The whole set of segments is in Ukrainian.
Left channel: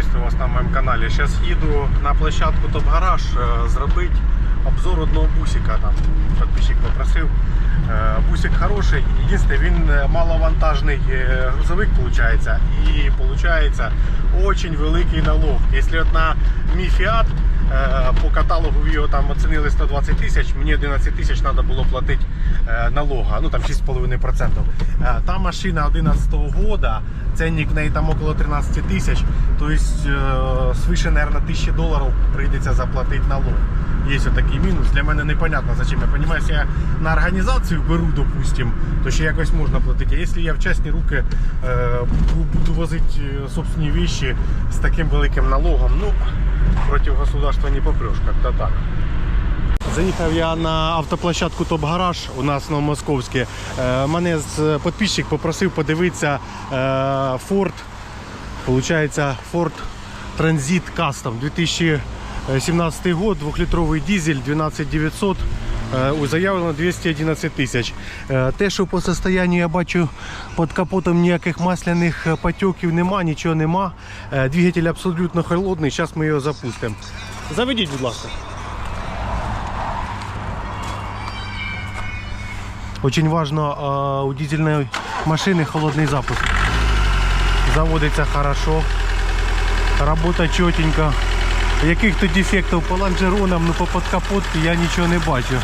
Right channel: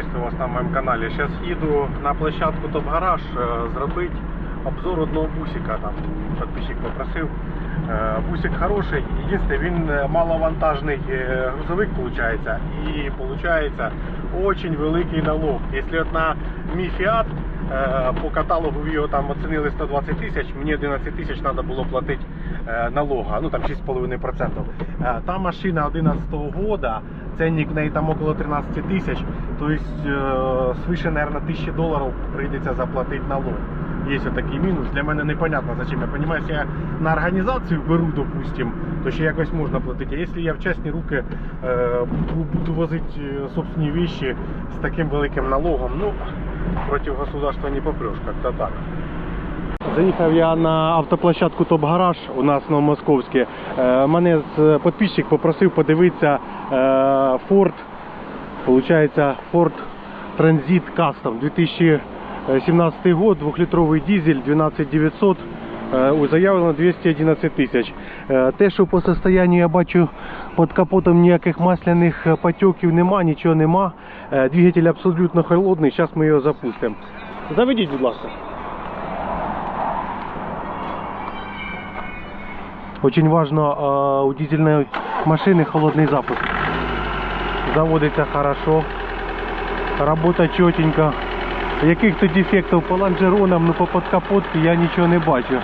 Приветствую вас на моем канале. Сейчас еду на площадку Топ Гараж е, зробити обзор одного бусика. Там подписчик попросив. Е, Бусик хороший. Єдине, він е, маловантажний грузовик виходить. І виходить очень великий налог. Якщо на е, по каталогу його там оцінили 120 тисяч, мені 11 тисяч треба було платити е, налога, ну там 6,5%. Е, Та машина 11 года, ценник в неї там около 13 тисяч, тобто е, свише, наверное, 1000 доларів прийдеться заплатити налог. Є такий мінус. Для мене непонятно зачем. Я розумію, якщо я на організацію беру, допустим, то ще якось можна платити. А якщо я в частні руки е, бу- буду возити е, собственні вещи з таким великим налогом, ну проти государства не попреш, як-то так. Заїхав я на автоплощадку Топ Гараж у нас на Московське. Е, Мене підписчик попросив подивитися е, Ford, получається Ford Transit Custom 2017 год, 2-літровий дизель 12900. е, у- Заявлено 211 тисяч. Е, Те, що по состоянню я бачу під капотом ніяких масляних е, потеків нема, нічого нема. Е, Двигатель абсолютно холодний. Зараз ми його запустимо. Заведіть, будь ласка. Очень важно э, у дизельной машины холодный запуск. Заводиться хорошо, работа четенько. Яких-то дефектів по лонжеронам, ну по подкапотці я нічого не бачу.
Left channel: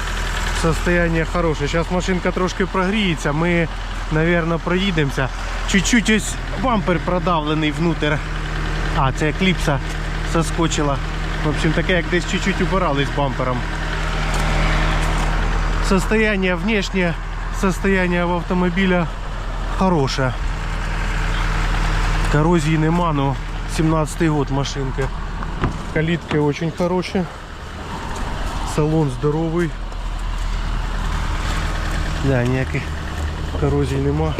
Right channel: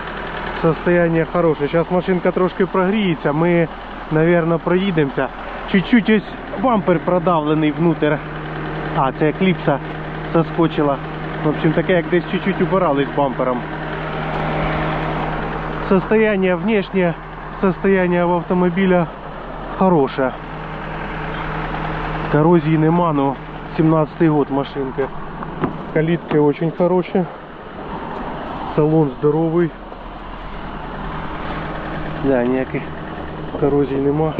Состояние хороше. Зараз машинка трошки прогріється, ми, мабуть, проїдемося. Чуть-чуть ось бампер продавлений внутрь. А, це кліпса соскочила. В общем, таке, як десь чуть-чуть убирались бампером. Состояние внешнее, состояние в автомобиля хорошее. Коррозии нема, но 17-й год машинка. Калитки очень хорошие. Салон здоровый. Да, ніяких коррозій нема.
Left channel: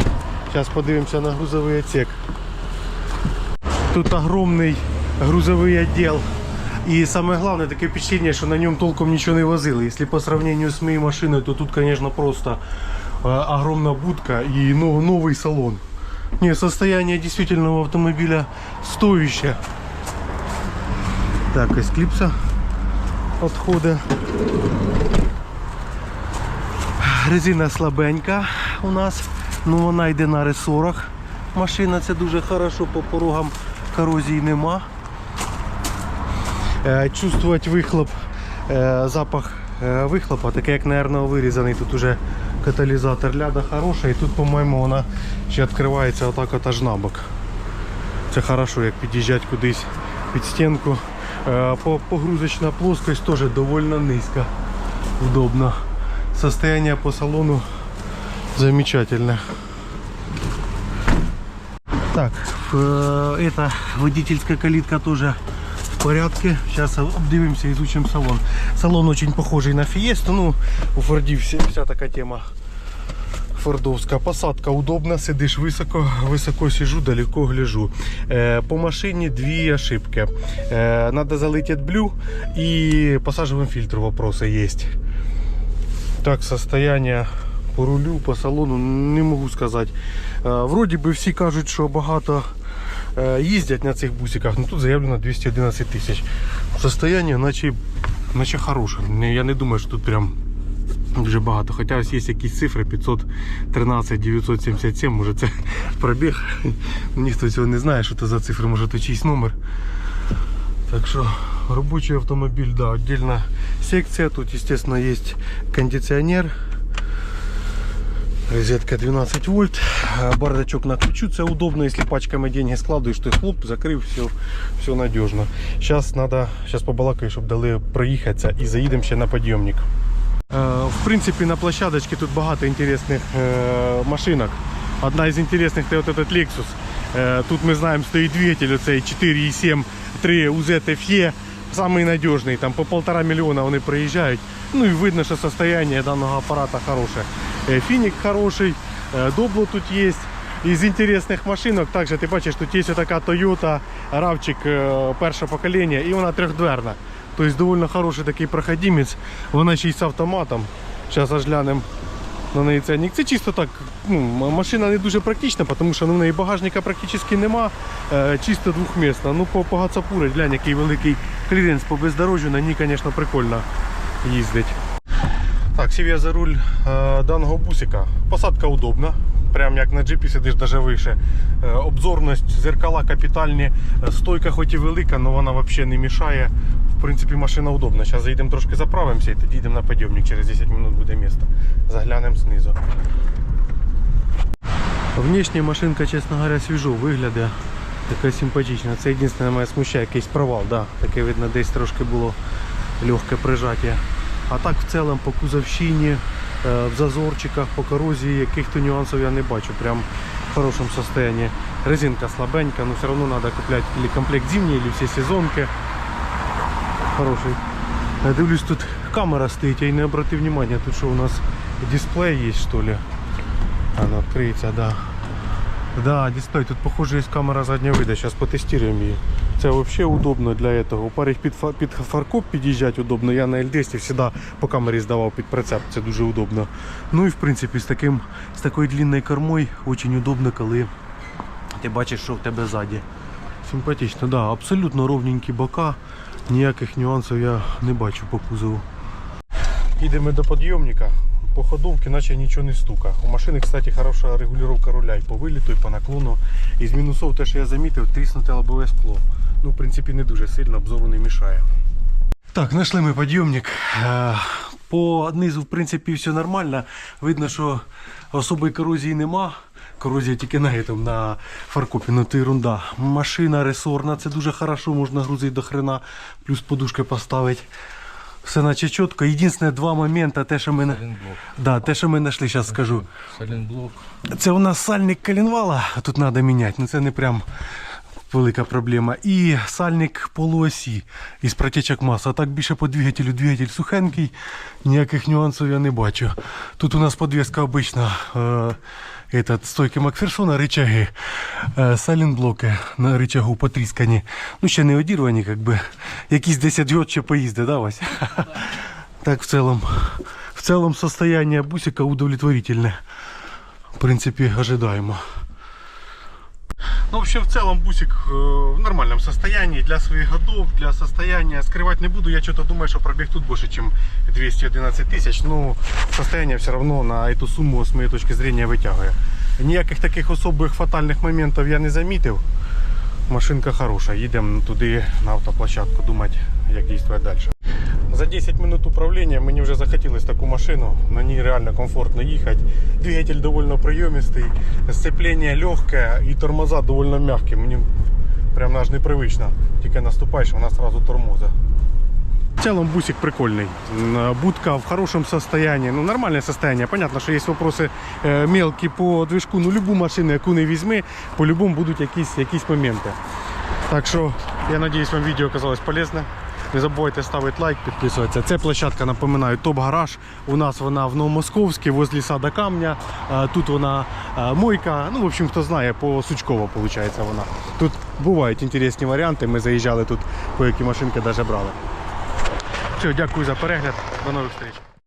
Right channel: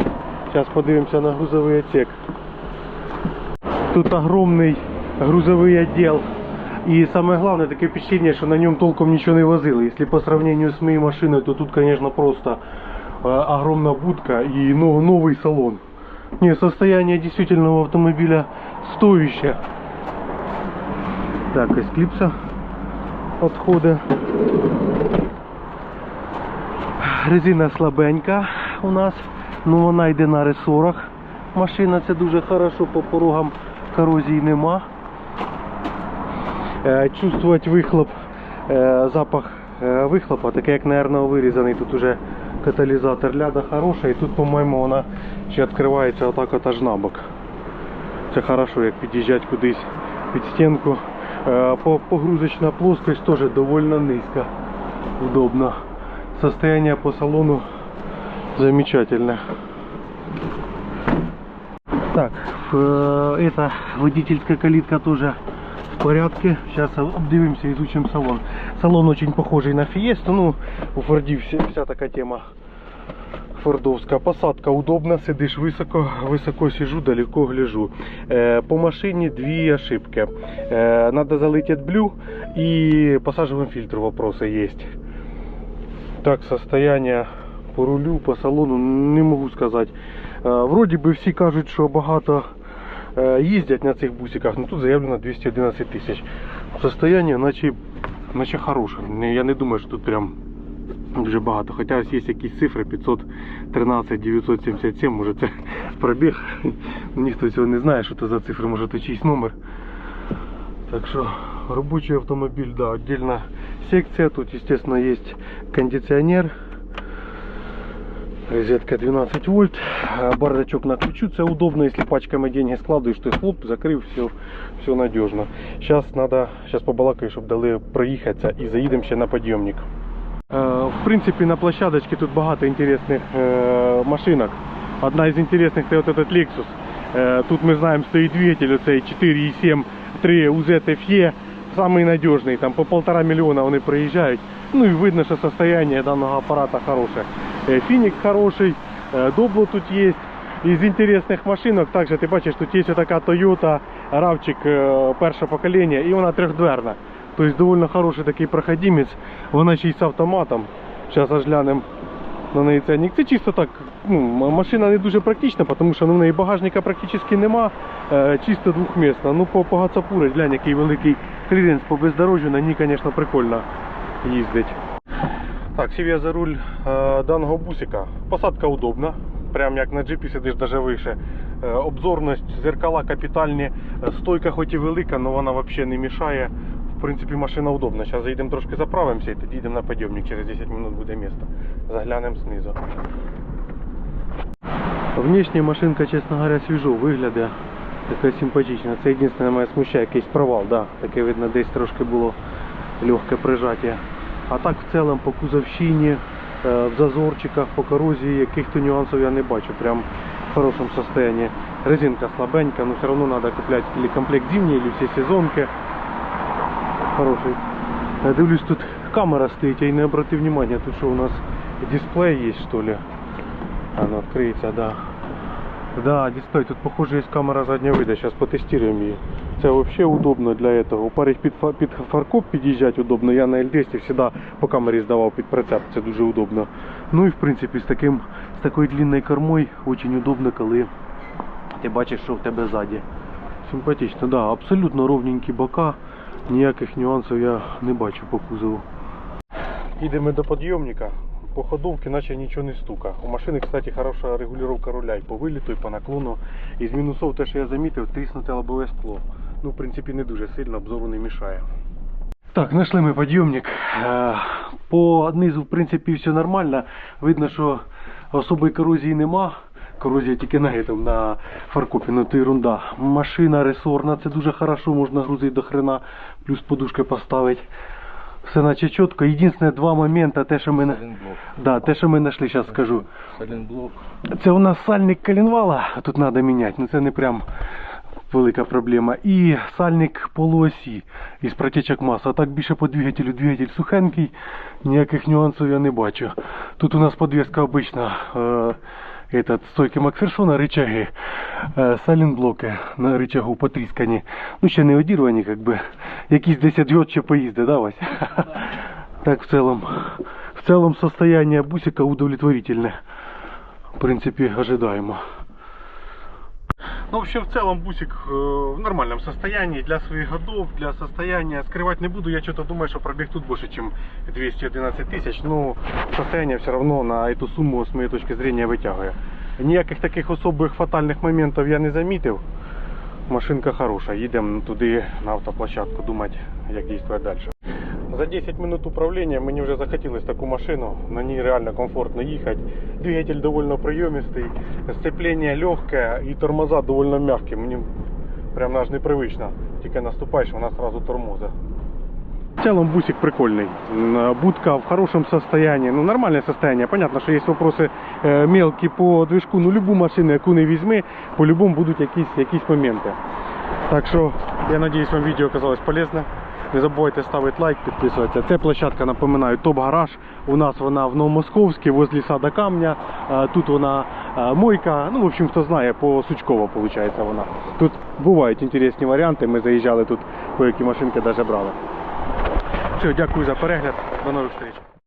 Зараз подивимося на грузовий отсек. Тут огромный грузовий отдел. И самое главное, такое впечатление, что на нем толком ничего не возили. Если по сравнению с моей машиной, то тут, конечно, просто огромная будка и ну, новый салон. Не, состояние действительно автомобиля стоящее. Так, ось клипса отходы. Резина слабенька у нас, ну вона йде на ресорах. Машина це дуже хорошо, по порогам корозії нема. Е, Чувствувати вихлоп, е, запах е, вихлопа, такий як, мабуть, вирізаний. Тут уже каталізатор ляда хороша і тут, по-моєму, вона ще відкривається отак от аж на бок. Це хорошо, як під'їжджати кудись під стінку. Погрузочна плоскость теж доволі низька. Удобно Состояние по салону замечательное. Так, э, эта водительская калитка тоже в порядке. Сейчас обдивимся, изучим салон. Салон очень похожий на Фиесту. Ну, у Фордів вся, вся така тема фордовська. Посадка удобна, сидиш високо, високо сижу, далеко гляжу. Е, по машині дві ошибки. Е, надо залить AdBlue и по сажевому фильтру вопросы есть. Так, состояние по рулю, по салону не можу сказати. Е, Вроді би всі кажуть, що багато їздять на цих бусиках, але тут заявлено 211 тисяч. Состояние наче, наче хороше. Я не думаю, що тут прям дуже багато. Хоча ось є якісь цифри 513 977, може це пробіг. Ніхто цього не знає, що це за цифри, може то чийсь номер. Так що робочий автомобіль, да, отдельна секція. Тут, естественно, есть кондиционер. Розетка 12 вольт. Бардачок на ключу. Удобно, если пачками деньги складываешь, то хлоп, закрив, все, все надежно. Сейчас надо, сейчас побалакаю, щоб дали проїхатися і заїдемо на підйомник. Е, В принципі, на площадочці тут багато інтересних е, машинок. Одна із інтересних це от этот Lexus. Е, Тут ми знаємо, стоїть двигатель оцей 4,7 3 UZ FE. Самий надіжний, там по полтора мільйона вони приїжджають. Ну і видно, що состояние даного апарата хороше. Е, Фінік хороший, е, добло тут є. Із інтересних машинок, також ти бачиш, тут є така Toyota RAV4 е, першого покоління і вона трьохдверна. Тобто доволі хороший такий проходимець. Вона ще й з автоматом. Зараз аж глянемо на неї ценник. Це чисто так, ну, машина не дуже практична, тому що ну, в неї багажника практично нема, е, чисто двохмісна. Ну по, по Гацапури, глянь, який великий кліренс по бездорожжю, на ній, звісно, прикольно їздить. Так, сів я за руль е, даного бусика. Посадка удобна. Прям як на джипі сидиш даже вище. Е, обзорність, зеркала капітальні, Е, стойка хоч і велика, але вона взагалі не мішає. В принципі, машина удобна. Зараз заїдемо трошки заправимося і тоді йдемо на підйомник. Через 10 хвилин буде місце. Заглянемо знизу. Внешня машинка, чесно говоря, свіжо виглядає. Така симпатична. Це єдине мене смущає якийсь провал. Да. Таке видно, десь трошки було легке прижаття. А так в цілому по кузовщині, е, в зазорчиках, по корозії, яких-то нюансів я не бачу. Прям в хорошому стані. Резинка слабенька, але все одно треба купляти комплект зимній, или всі сезонки. Хороший. Я дивлюсь, тут камера стоїть, я й не обратив внимания. Тут що у нас дисплей є, що ли? Она откроется, да. Да, дисплей. Тут, похоже, есть камера заднего вида. Сейчас потестируем її. Це вообще удобно для этого. У парень під, під фаркоп під'їжджати удобно. Я на L200 завжди по камері здавав під прицеп. Це дуже удобно. Ну і в принципі з таким з такою длинною кормою дуже удобно, коли ти бачиш, що в тебе ззаді. Симпатично, да, абсолютно ровненькі бока. Ніяких нюансів я не бачу по кузову. Їдемо до підйомника. По ходовці наче нічого не стука. У машини, кстати, хороша регулювання руля і по виліту, і по наклону. Із мінусов те, що я замітив, тріснуте лобове скло. Ну, в принципі, не дуже сильно, обзору не мішає. Так, знайшли ми підйомник. Е, По низу, в принципі, все нормально. Видно, що особої корозії нема. Корозія тільки на этом, на фаркопі, ну це ерунда. Машина ресорна, це дуже хорошо, можна грузити до хрена, плюс подушки поставити. Все наче чітко. Єдине два моменти, те, що ми, на- да, те, що ми знайшли, зараз скажу. Сайлентблок. Це у нас сальник коленвала, тут треба міняти, ну це не прям велика проблема. І сальник полуосі із протечок маса. А так більше по двигателю. Двигатель сухенький, ніяких нюансів я не бачу. Тут у нас подвеска обична Е, этот, стойки Макферсона, рычаги, е, сайлентблоки на рычагу потріскані. Ну, ще не одірвані, як би. Якісь 10 год ще поїзди, да, Вась? Так, в целом, в целом состояние бусика удовлетворительное. В принципе, ожидаемо. Ну, в общем, в целом бусик э, в нормальном состоянии для своих годов, для состояния. Скрывать не буду, я что-то думаю, что пробег тут больше, чем 211 тысяч. Но состояние все равно на эту сумму, с моей точки зрения, вытягиваю. Ніяких таких особих фатальних моментів я не замітив. Машинка хороша, їдемо туди на автоплощадку думати, як діяти далі. За 10 минут управління мені вже захотілось таку машину. На ній реально комфортно їхати. Двигатель доволі прийомистий, сцеплення легке і тормоза доволі м'які. Мені прям аж непривично. Тільки наступаєш, вона одразу тормозить. В целом бусик прикольный. М, Будка в хорошем состоянии. Ну, нормальное состояние. Понятно, что есть вопросы э, мелкие по движку. Ну, любу машину, яку не візьми, по-любому будуть якісь, якісь моменти. Так що, я надіюсь, вам відео оказалось полезне. Не забувайте ставити лайк, підписуватися. Це площадка, напоминаю, топ-гараж. У нас вона в Новомосковській, возле сада камня. Тут вона мойка. Ну, в общем, хто знає, по Сучково виходить вона. Тут бувають інтересні варіанти. Ми заїжджали тут, по які машинки навіть брали. Все, дякую за перегляд. До нових зустріч.